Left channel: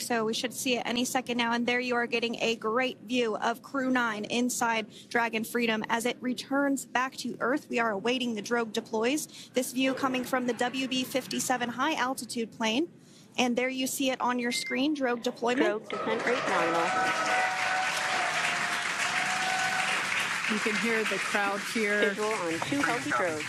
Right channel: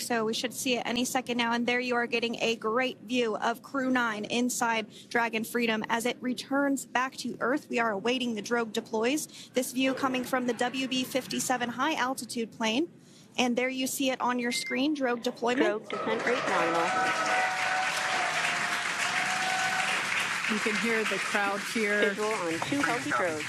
So we should see it any second now. And there you are getting a great view of Crew 9 inside Dragon Freedom as it returns back to Earth. We are awaiting the drogue deploys. This view coming from the WB-57 high altitude plane. And there you see it on your screen, drogue deployment. Drogue descent rate nominal. You can hear the crowd here. Visual on 2 healthy drogues.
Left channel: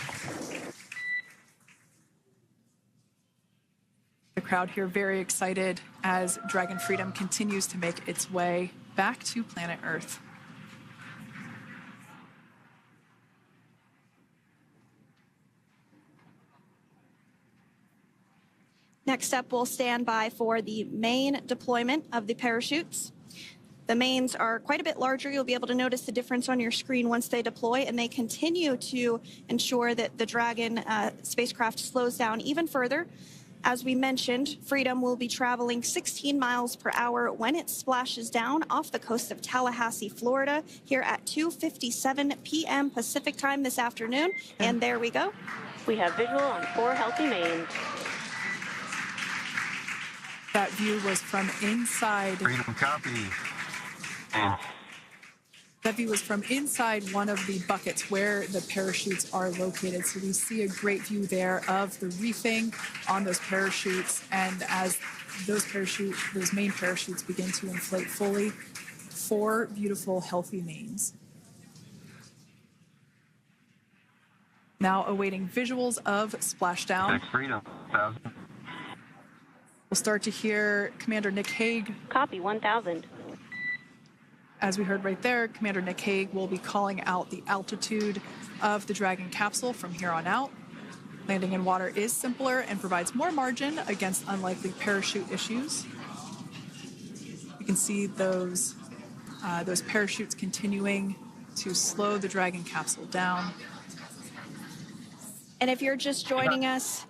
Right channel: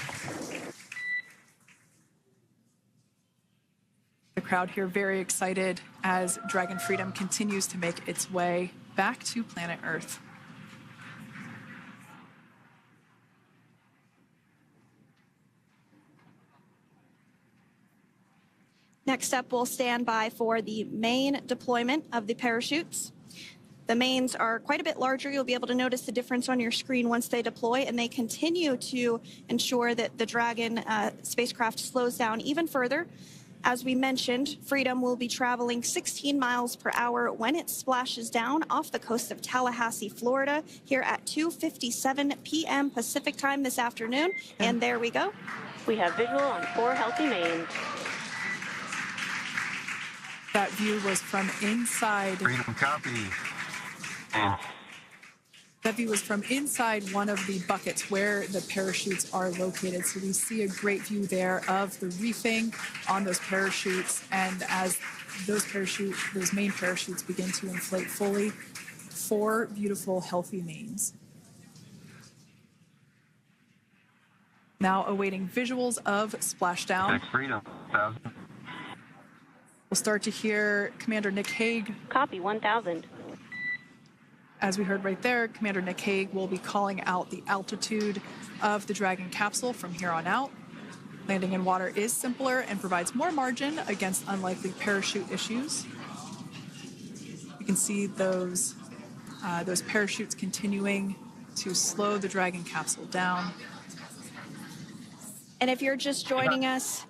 The crowd here very excited as Dragon Freedom continues to make its way back to planet Earth. Next up, we'll stand by for the main deployment of the parachutes. The mains are quite a bit larger. You'll be able to notice the difference on your screen once they deploy, and they continue to ensure that the Dragon spacecraft slows down even further. As we mentioned, Freedom will be traveling 16 miles per hour when it splashes down off the coast of Tallahassee, Florida, here at 2:57 p.m. Pacific time this afternoon. And there we go. We have visual on 4 healthy mains. That view was from inside. Freedom copy. That view was from inside one of the buckets where the parachutes are located. So we see a great view there of the reefing on those parachutes. And as those main parachutes begin to inflate fully, 4 beautiful, healthy mains. Now awaiting visuals of splashdown. Freedom. We'll start to hear Commander Nick Hague. Copy 1000. As we heard right there, Commander Nick Hague will be calling out the altitude of the Dragon capsule from here on out. Landing in water is simpler and provides more margin against unlikely parachute issues. You can see those parachutes continuing to slow the Dragon capsule down. And if you're just joining us,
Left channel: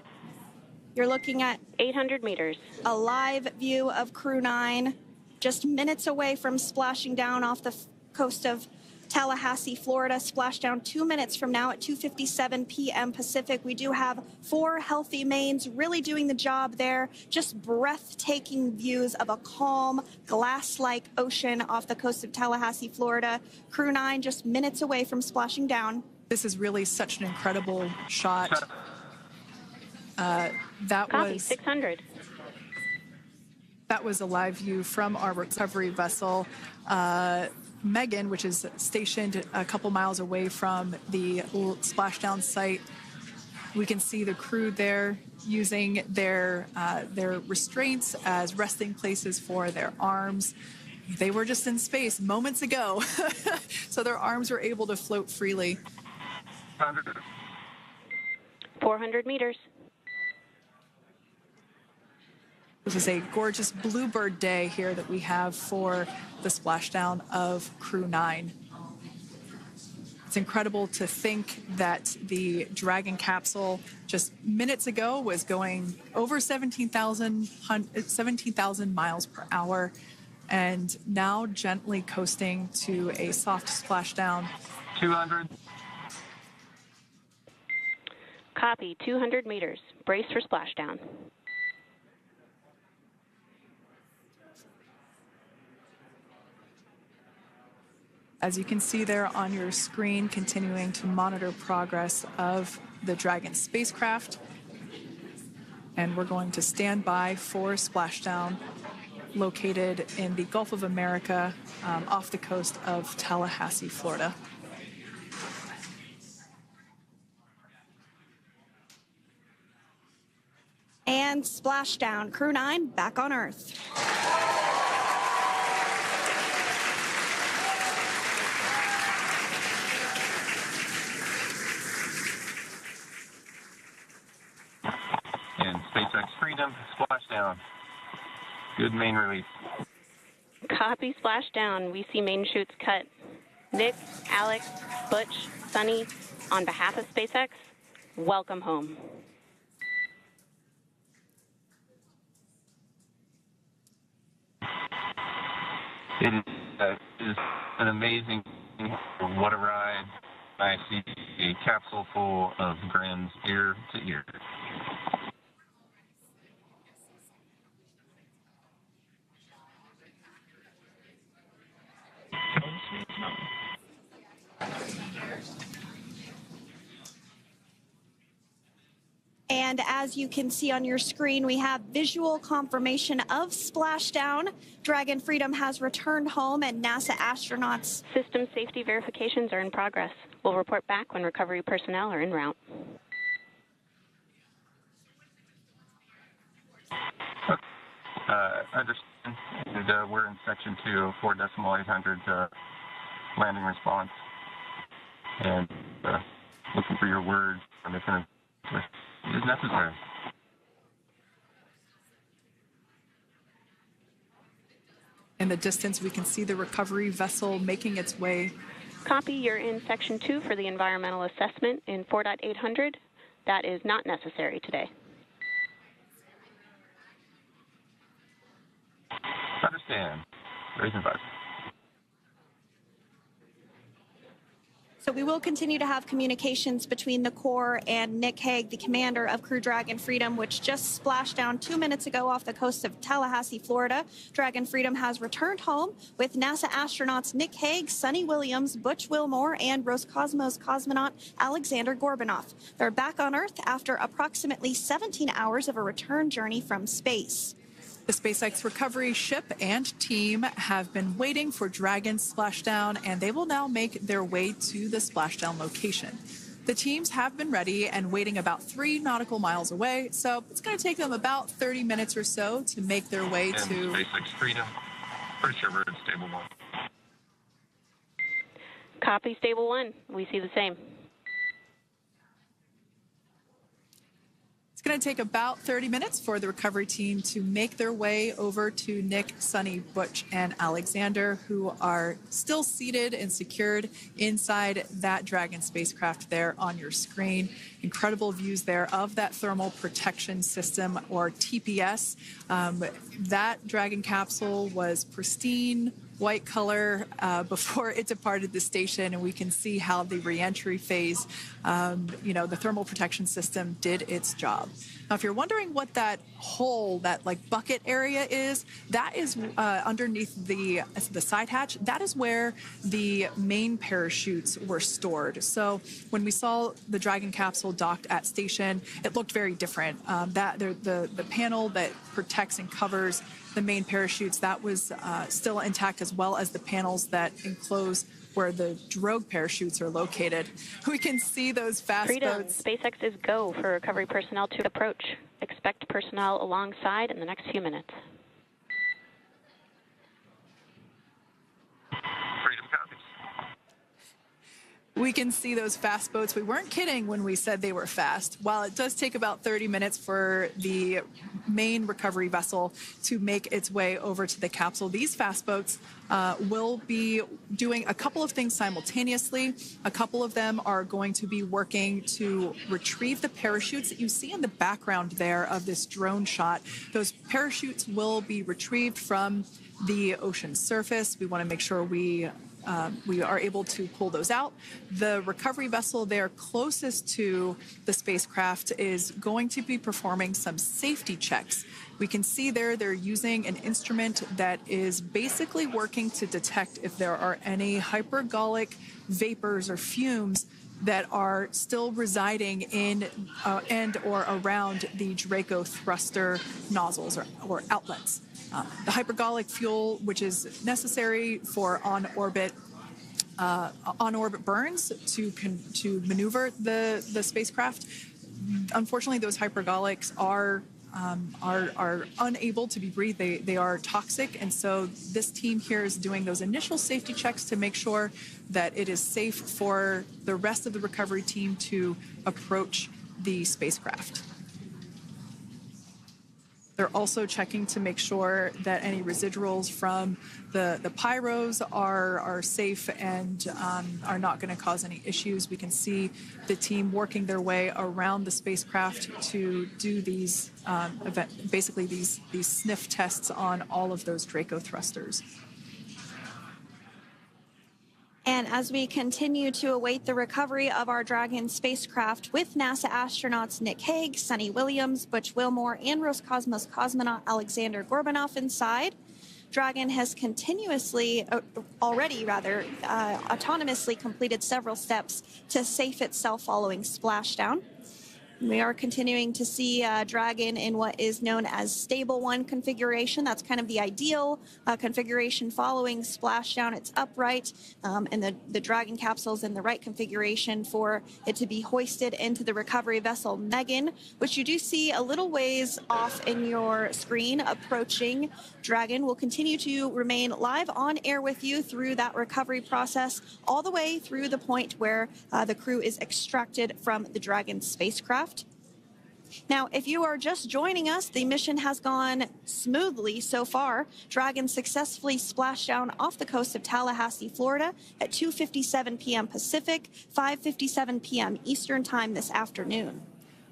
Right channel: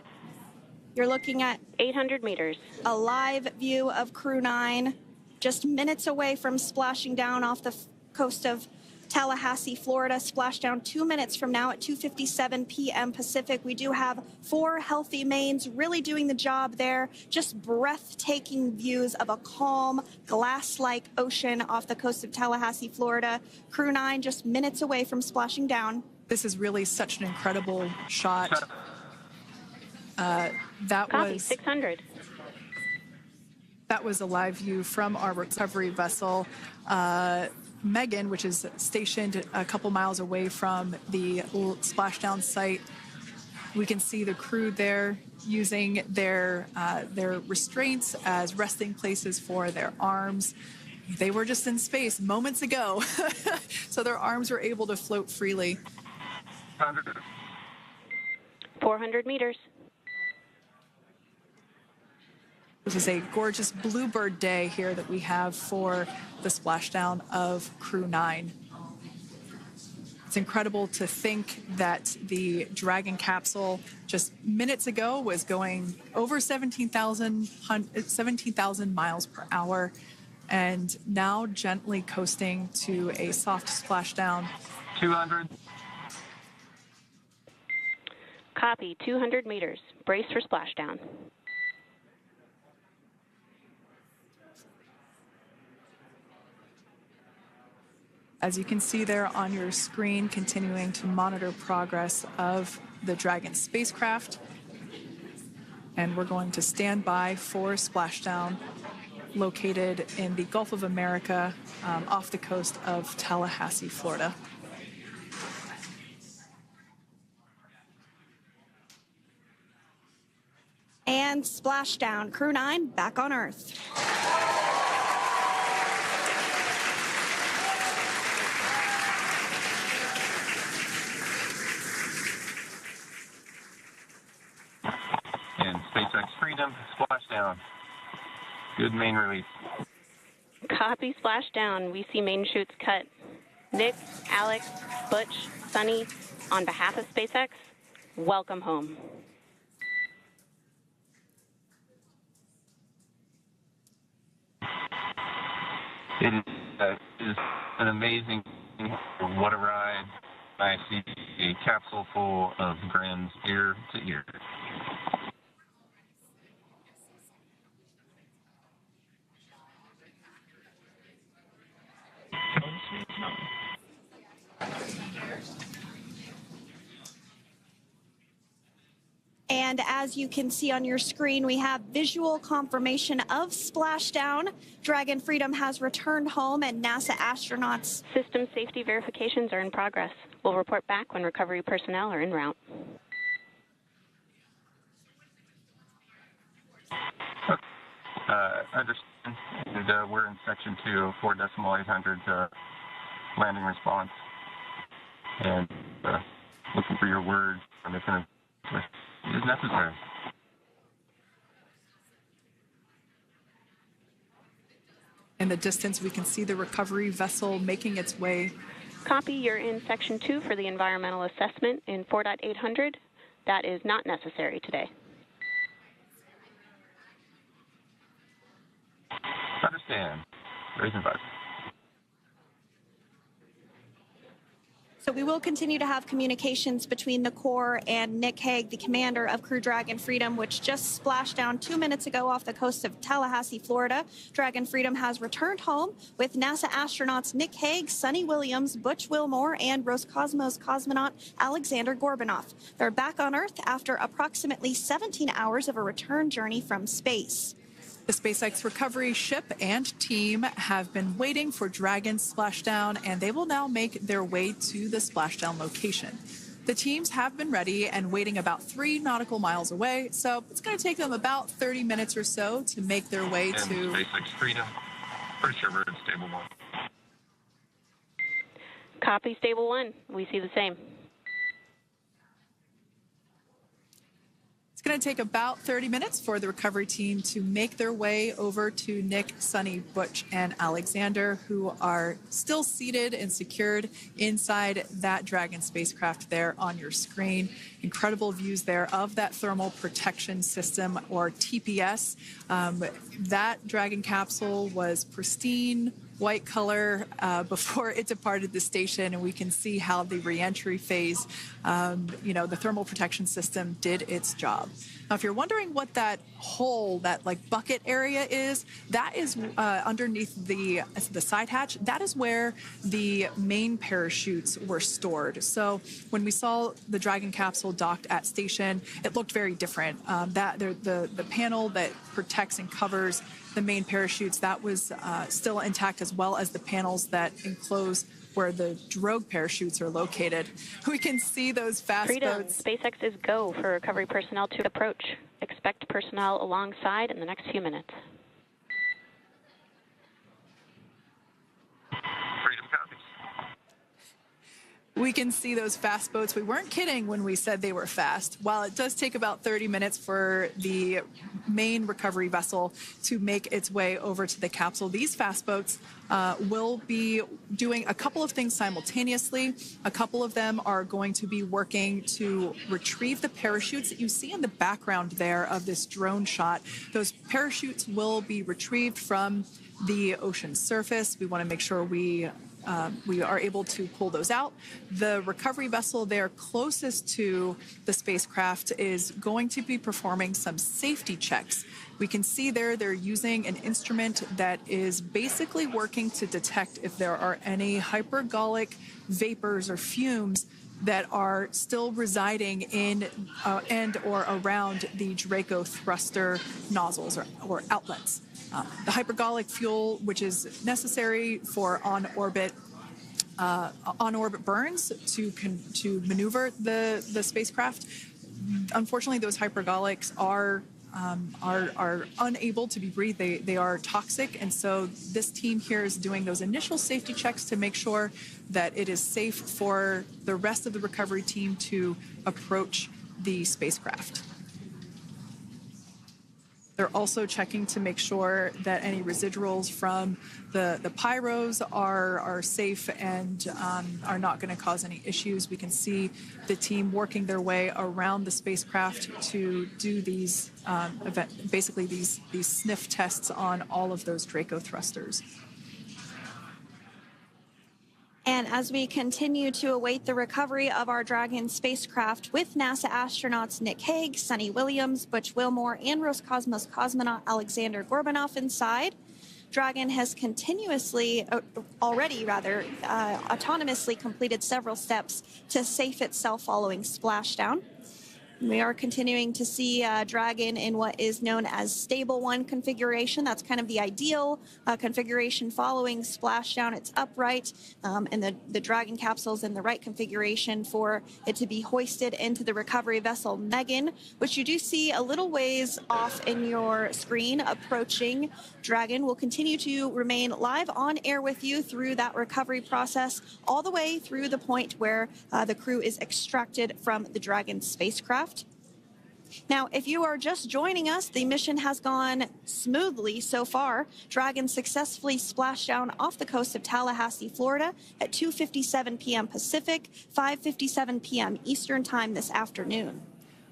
you're looking at 800 meters. A live view of Crew 9. Just minutes away from splashing down off the coast of Tallahassee, Florida. Splash down 2 minutes from now at 2:57 p.m. Pacific. We do have 4 healthy mains really doing the job there. Just breathtaking views of a calm, glass-like ocean off the coast of Tallahassee, Florida. Crew 9 just minutes away from splashing down. This is really such an incredible shot. That Copy, was 600. That was a live view from our recovery vessel, Megan, which is stationed a couple miles away from the splashdown site. We can see the crew there using their restraints as resting places for their arms. They were just in space moments ago, so their arms were able to float freely. 400 meters. This is a gorgeous bluebird day here that we have for the splashdown of Crew 9. It's incredible to think that the Dragon capsule just minutes ago was going over 17,000 miles per hour and now gently coasting to a soft splashdown. 200. Copy, 200 meters. Brace for splashdown. As you can see there on your screen, continuing to monitor progress of the Dragon spacecraft. And we're going to stand by for splashdown located in the Gulf of America off the coast of Tallahassee, Florida. And splashdown. Crew 9 back on Earth. And SpaceX Freedom, splashdown. Good main release. Copy, splashdown. We see main chutes cut. Nick, Alex, Butch, Suni, on behalf of SpaceX, welcome home. It is an amazing, what a ride. I see a capsule full of grins ear to ear. And as you can see on your screen, we have visual confirmation of splashdown. Dragon Freedom has returned home, and NASA astronauts. System safety verifications are in progress. We'll report back when recovery personnel are en route. Understand. And, we're in section 2 of 4.800 landing response. And looking for your words on this is necessary. In the distance, we can see the recovery vessel making its way. Copy, you're in section 2 for the environmental assessment in 4.800. That is not necessary today. Understand. Raise advice. So we will continue to have communications between the Corps and Nick Hague, the commander of Crew Dragon Freedom, which just splashed down 2 minutes ago off the coast of Tallahassee, Florida. Dragon Freedom has returned home with NASA astronauts Nick Hague, Suni Williams, Butch Wilmore, and Roscosmos cosmonaut Alexander Gorbanov. They're back on Earth after approximately 17 hours of a return journey from space. The SpaceX recovery ship and team have been waiting for Dragon's splashdown, and they will now make their way to the splashdown location. The teams have been ready and waiting about 3 nautical miles away, so it's going to take them about 30 minutes or so to make their way and to SpaceX Freedom. Pretty sure we're in stable 1. Copy, stable 1. We see the same. It's going to take about 30 minutes for the recovery team to make their way over to Nick, Suni, Butch, and Alexander, who are still seated and secured inside that Dragon spacecraft there on your screen. Incredible views there of that thermal protection system, or TPS. That Dragon capsule was pristine, white color before it departed the station, and we can see how the reentry phase, the thermal protection system did its job. Now, if you're wondering what that hole, that like bucket area is, that is underneath the side hatch. That is where the main parachutes were stored. So when we saw the Dragon capsule docked at station, it looked very different. The panel that protects and covers the main parachutes, that was still intact, as well as the panels that enclose where the drogue parachutes are located. We can see those fast Freedom. boats. SpaceX is go for recovery personnel to approach. Expect personnel alongside in the next few minutes. Freedom copies. We can see those fast boats. We weren't kidding when we said they were fast. While it does take about 30 minutes for the main recovery vessel to make its way over to the capsule, these fast boats will be doing a couple of things simultaneously. A couple of them are going to be working to retrieve the parachutes that you see in the background there of this drone shot. Those parachutes will be retrieved from the ocean surface. We want to make sure we are able to pull those out. The recovery vessel there closest to the spacecraft is going to be performing some safety checks. We can see there they're using an instrument that is basically working to detect if there are any hypergolic vapors or fumes that are still residing in and or around the Draco thruster nozzles or outlets. The hypergolic fuel, which is necessary for on-orbit burns to maneuver the spacecraft. Unfortunately, those hypergolics are unable to be breathed. They are toxic, and so this team here is doing those initial safety checks to make sure that it is safe for the rest of the recovery team to approach the spacecraft. They're also checking to make sure that any residuals from the pyros are safe and are not going to cause any issues. We can see the team working their way around the spacecraft to do these these sniff tests on all of those Draco thrusters. And as we continue to await the recovery of our Dragon spacecraft with NASA astronauts Nick Hague, Suni Williams, Butch Wilmore, and Roscosmos cosmonaut Alexander Gorbanov inside, Dragon has autonomously completed several steps to safe itself following splashdown. We are continuing to see Dragon in what is known as stable 1 configuration. That's kind of the ideal configuration following splashdown. It's upright, and the Dragon capsule is in the right configuration for it to be hoisted into the recovery vessel Megan, which you do see a little ways off in your screen approaching. Dragon will continue to remain live on air with you through that recovery process, all the way through the point where the crew is extracted from the Dragon spacecraft. Now, if you are just joining us, the mission has gone smoothly so far. Dragon successfully splashed down off the coast of Tallahassee, Florida at 2:57 p.m. Pacific, 5:57 p.m. Eastern Time this afternoon.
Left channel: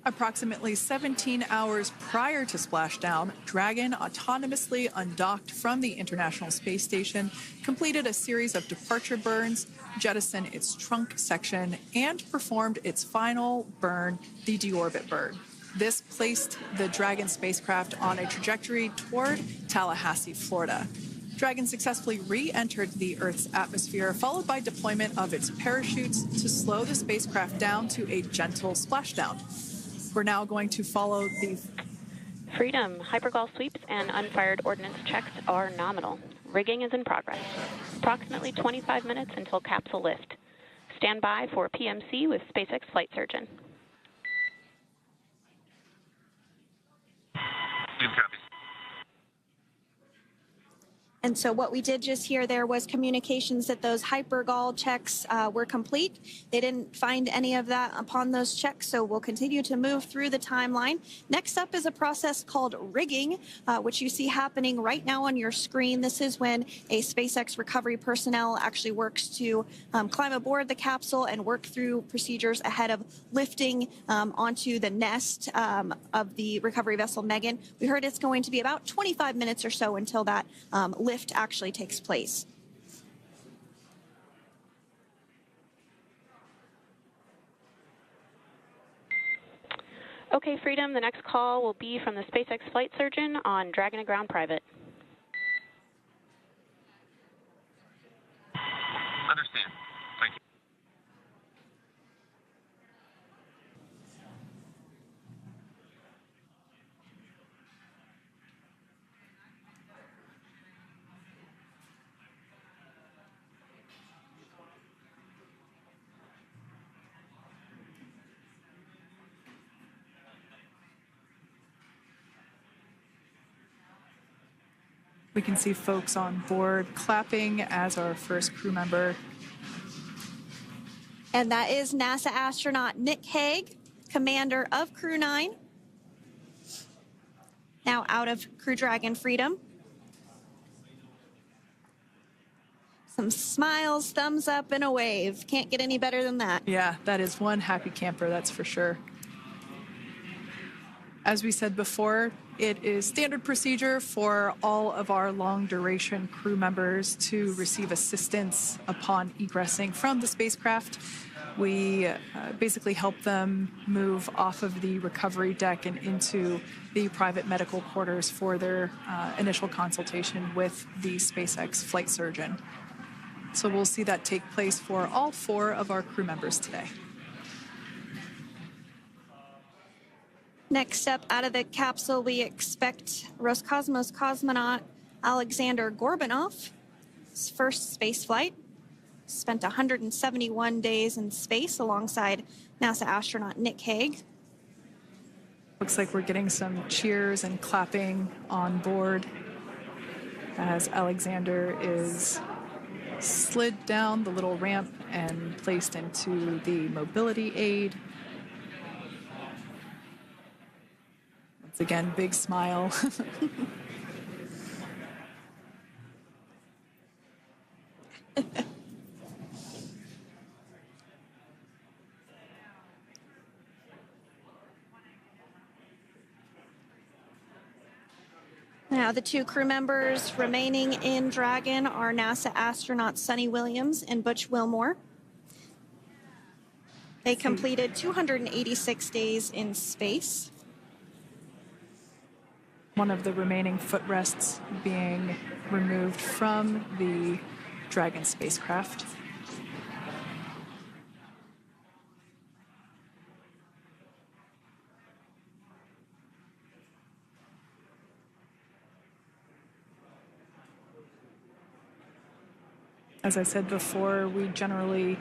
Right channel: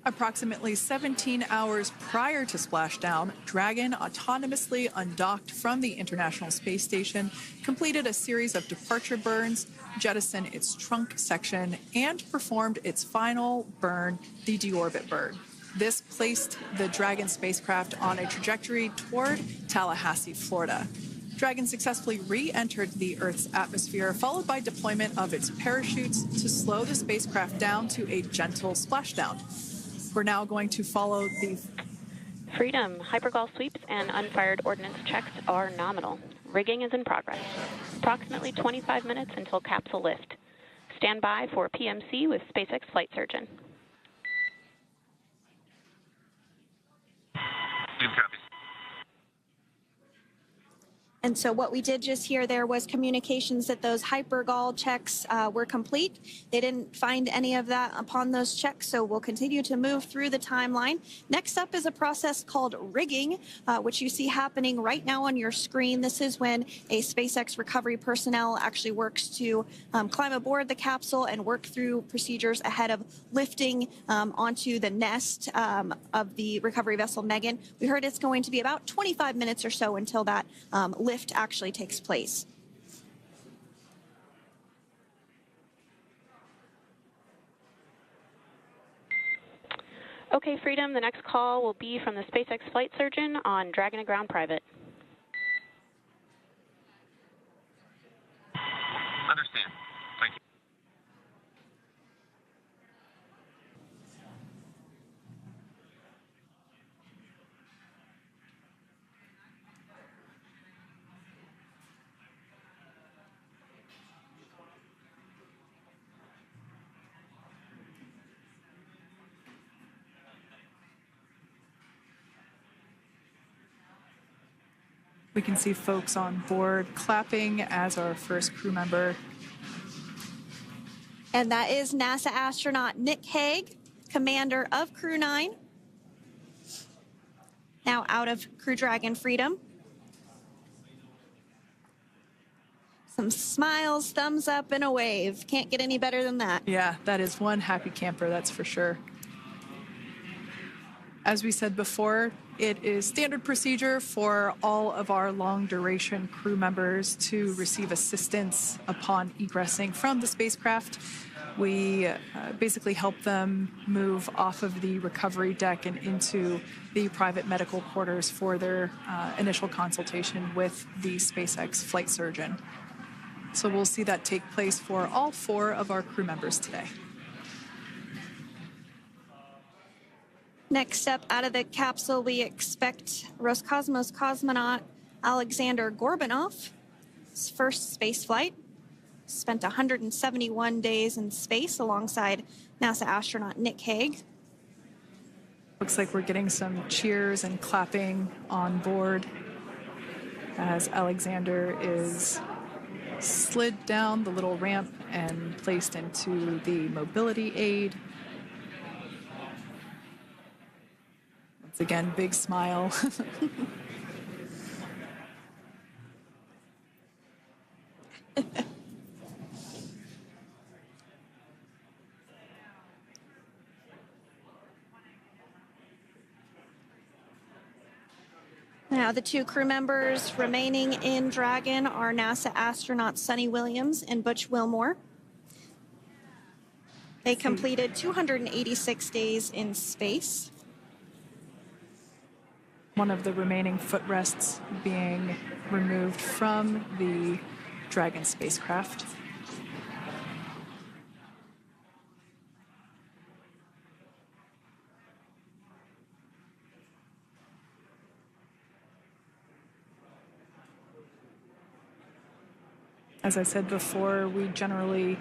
Approximately 17 hours prior to splashdown, Dragon autonomously undocked from the International Space Station, completed a series of departure burns, jettisoned its trunk section, and performed its final burn, the deorbit burn. This placed the Dragon spacecraft on a trajectory toward Tallahassee, Florida. Dragon successfully re-entered the Earth's atmosphere, followed by deployment of its parachutes to slow the spacecraft down to a gentle splashdown. We're now going to follow the Freedom. Hypergol sweeps and unfired ordnance checks are nominal. Rigging is in progress. Approximately 25 minutes until capsule lift. Stand by for PMC with SpaceX flight surgeon. And so what we did just hear there was communications that those hypergol checks were complete. They didn't find any of that upon those checks, so we'll continue to move through the timeline. Next up is a process called rigging, which you see happening right now on your screen. This is when a SpaceX recovery personnel actually works to climb aboard the capsule and work through procedures ahead of lifting onto the nest of the recovery vessel Megan. We heard it's going to be about 25 minutes or so until that lift actually takes place. Okay, Freedom, the next call will be from the SpaceX flight surgeon on Dragon and Ground Private. Understand. Thank you. We can see folks on board clapping as our first crew member. And that is NASA astronaut Nick Hague, commander of Crew 9, now out of Crew Dragon Freedom. Some smiles, thumbs up, and a wave. Can't get any better than that. Yeah, that is one happy camper, that's for sure. As we said before, it is standard procedure for all of our long-duration crew members to receive assistance upon egressing from the spacecraft. We basically help them move off of the recovery deck and into the private medical quarters for their initial consultation with the SpaceX flight surgeon. So we'll see that take place for all 4 of our crew members today. Next up, out of the capsule, we expect Roscosmos cosmonaut Alexander Gorbanov. His first space flight. Spent 171 days in space alongside NASA astronaut Nick Hague. Looks like we're getting some cheers and clapping on board as Alexander is slid down the little ramp and placed into the mobility aid. Once again, big smile. Now, the 2 crew members remaining in Dragon are NASA astronauts Suni Williams and Butch Wilmore. They completed 286 days in space. one of the remaining footrests being removed from the Dragon spacecraft. As I said before, we generally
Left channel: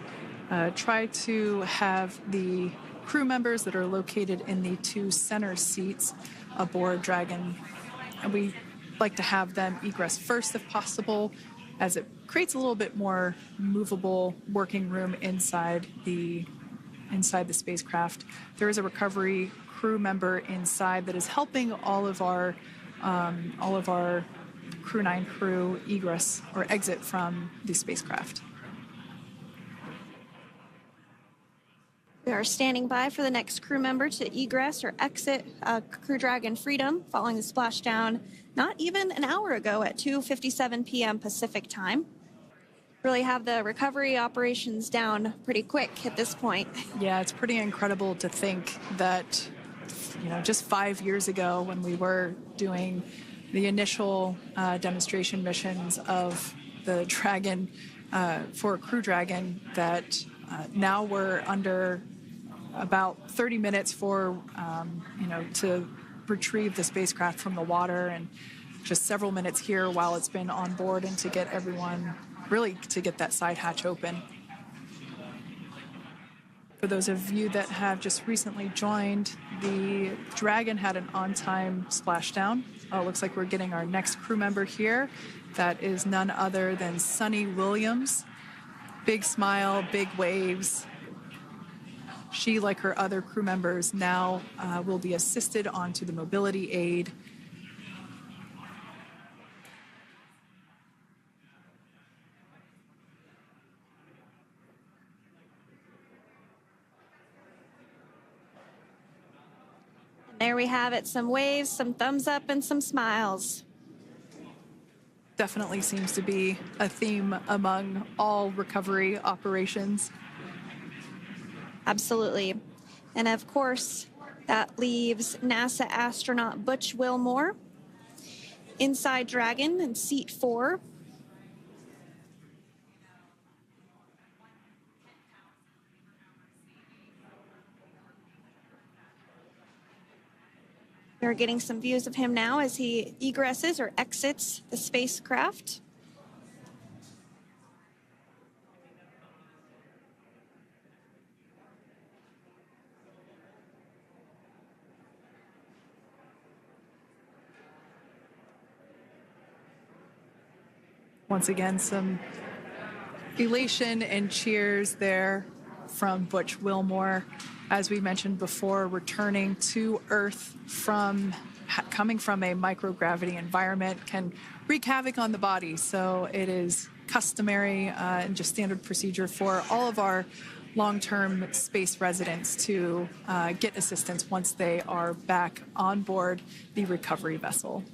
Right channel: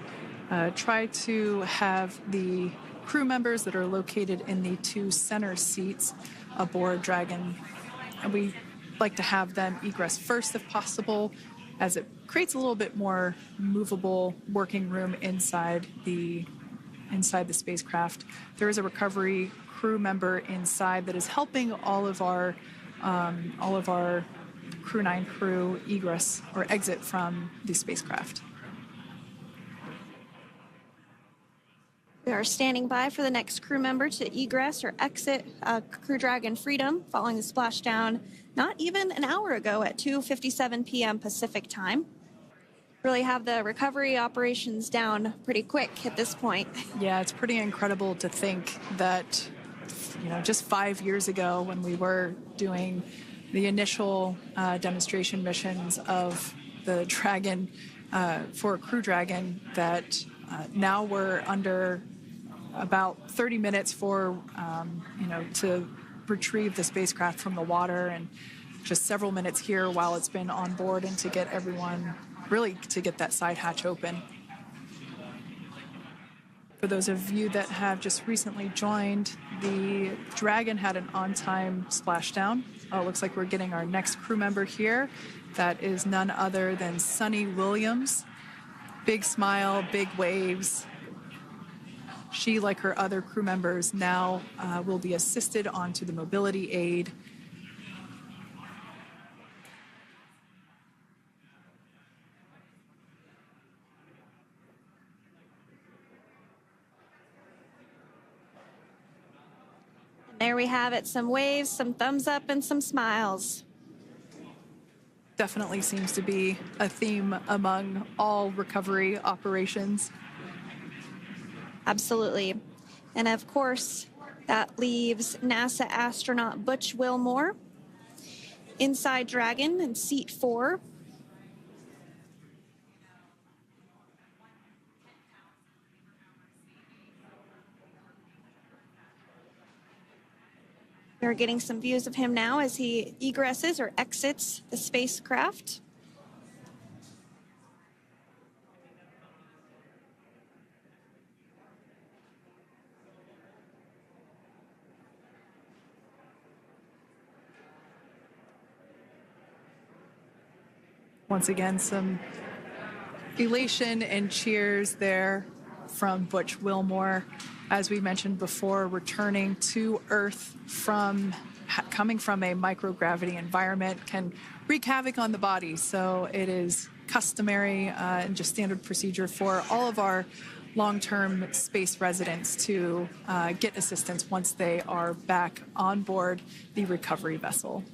try to have the crew members that are located in the 2 center seats aboard Dragon, and we like to have them egress first if possible, as it creates a little bit more movable working room inside the spacecraft. There is a recovery crew member inside that is helping all of our Crew 9 crew egress or exit from the spacecraft. We are standing by for the next crew member to egress or exit Crew Dragon Freedom following the splashdown not even an hour ago at 2:57 p.m. Pacific time. Really have the recovery operations down pretty quick at this point. Yeah, it's pretty incredible to think that, just 5 years ago when we were doing the initial demonstration missions of the Dragon for Crew Dragon, that now we're under about 30 minutes for, to retrieve the spacecraft from the water, and just several minutes here while it's been on board and to get everyone, really to get that side hatch open. For those of you that have just recently joined, the Dragon had an on-time splashdown. Looks like we're getting our next crew member here. That is none other than Suni Williams. Big smile, big waves. She, like her other crew members, now will be assisted onto the mobility aid. There we have it, some waves, some thumbs up, and some smiles. Definitely seems to be a theme among all recovery operations. Absolutely. And of course, that leaves NASA astronaut Butch Wilmore inside Dragon in seat 4. We're getting some views of him now as he egresses or exits the spacecraft. Once again, some elation and cheers there from Butch Wilmore. As we mentioned before, returning to Earth coming from a microgravity environment can wreak havoc on the body. So it is customary and just standard procedure for all of our long-term space residents to get assistance once they are back on board the recovery vessel.